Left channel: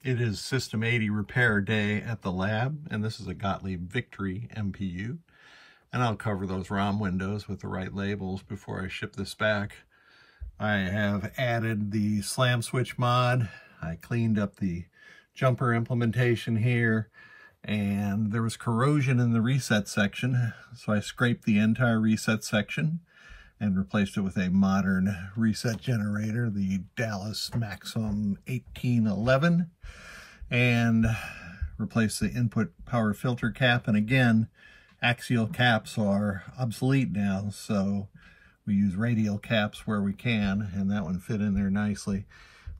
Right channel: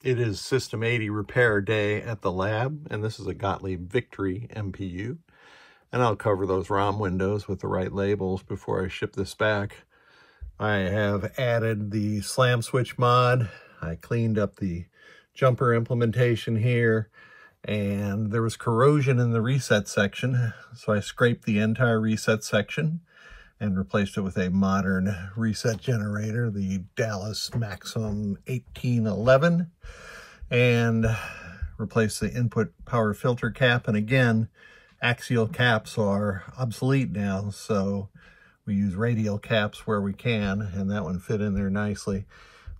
It is System 80 repair day at the lab, and this is a Gottlieb Victory MPU. And I'll cover those ROM windows with the right labels before I ship this back. I have added the slam switch mod. I cleaned up the jumper implementation here, and there was corrosion in the reset section, so I scraped the entire reset section and replaced it with a modern reset generator, the Dallas Maximum 1811, and replaced the input power filter cap. And again, axial caps are obsolete now, so we use radial caps where we can, and that one fit in there nicely.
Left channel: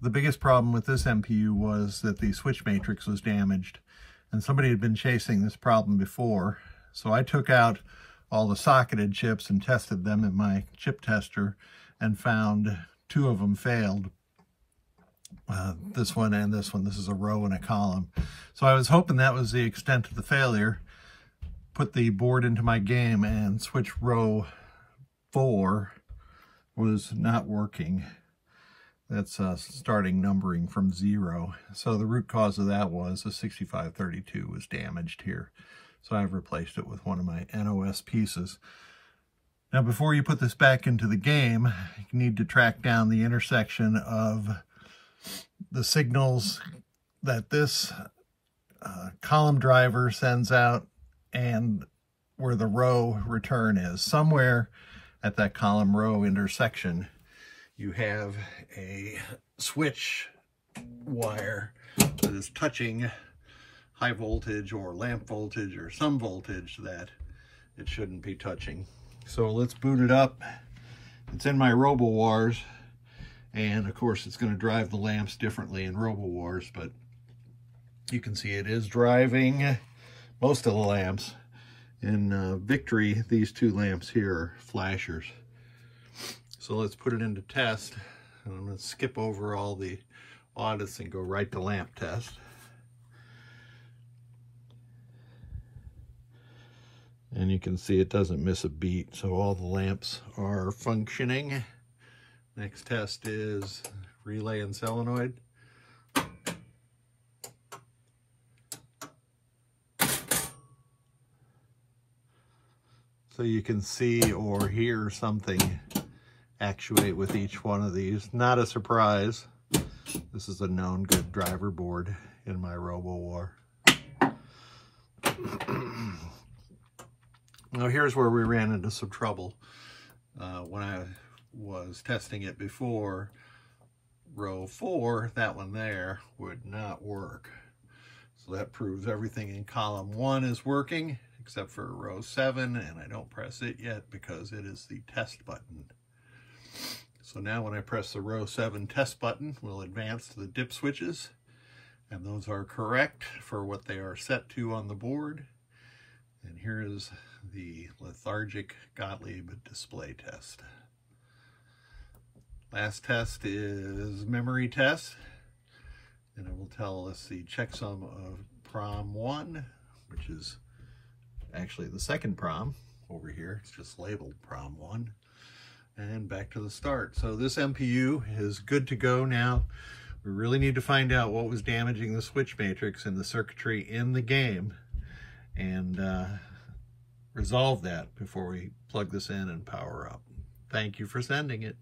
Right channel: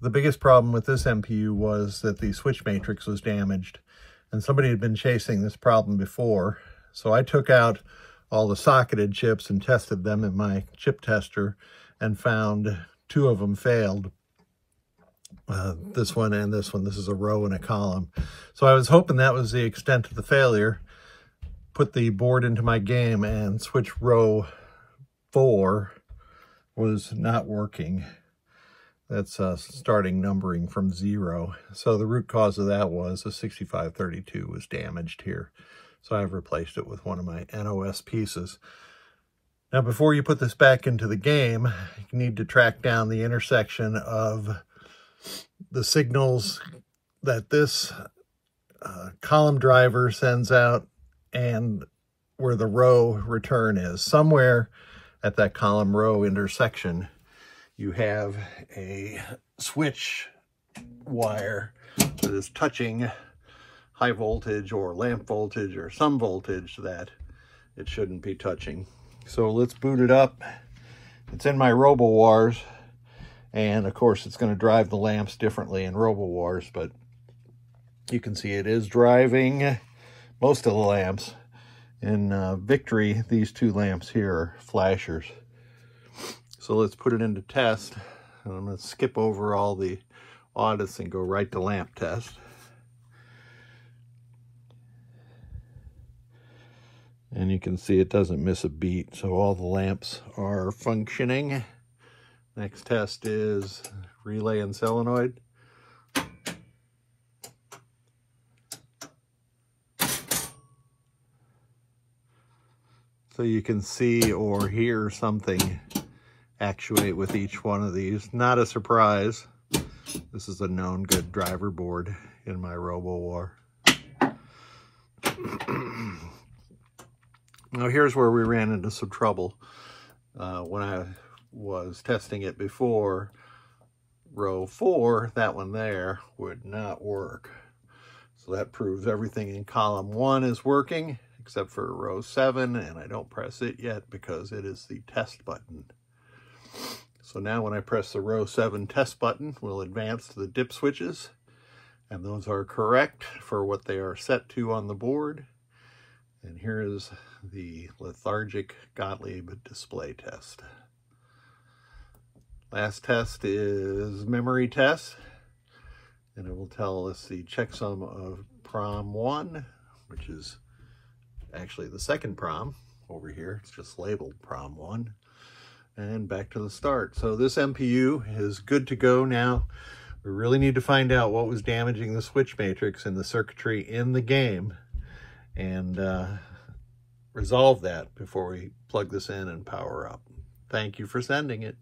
The biggest problem with this MPU was that the switch matrix was damaged, and somebody had been chasing this problem before. So I took out all the socketed chips and tested them in my chip tester and found two of them failed. This one and this one. This is a row and a column. So I was hoping that was the extent of the failure. Put the board into my game, and switch row 4 was not working. That's starting numbering from 0. So the root cause of that was a 6532 was damaged here. So I've replaced it with one of my NOS pieces. Now, before you put this back into the game, you need to track down the intersection of the signals that this column driver sends out and where the row return is. Somewhere at that column row intersection, you have a switch wire that is touching high voltage or lamp voltage or some voltage that it shouldn't be touching. So let's boot it up. It's in my RoboWars, and of course it's going to drive the lamps differently in RoboWars, but you can see it is driving most of the lamps. In Victory, these two lamps here are flashers. So let's put it into test. And I'm going to skip over all the audits and go right to lamp test. And you can see it doesn't miss a beat, so all the lamps are functioning. Next test is relay and solenoid. So you can see or hear something actuate with each one of these. Not a surprise. This is a known good driver board in my RoboWar. Now here's where we ran into some trouble. When I was testing it before, row 4, that one there, would not work. So that proves everything in column 1 is working, except for row 7, and I don't press it yet because it is the test button. So now when I press the row 7 test button, we'll advance to the dip switches, and those are correct for what they are set to on the board. And here is the lethargic Gottlieb display test. Last test is memory test, and it will tell us the checksum of prom 1, which is actually the second prom over here. It's just labeled prom 1. And back to the start. So this MPU is good to go now. We really need to find out what was damaging the switch matrix and the circuitry in the game, and resolve that before we plug this in and power up. Thank you for sending it.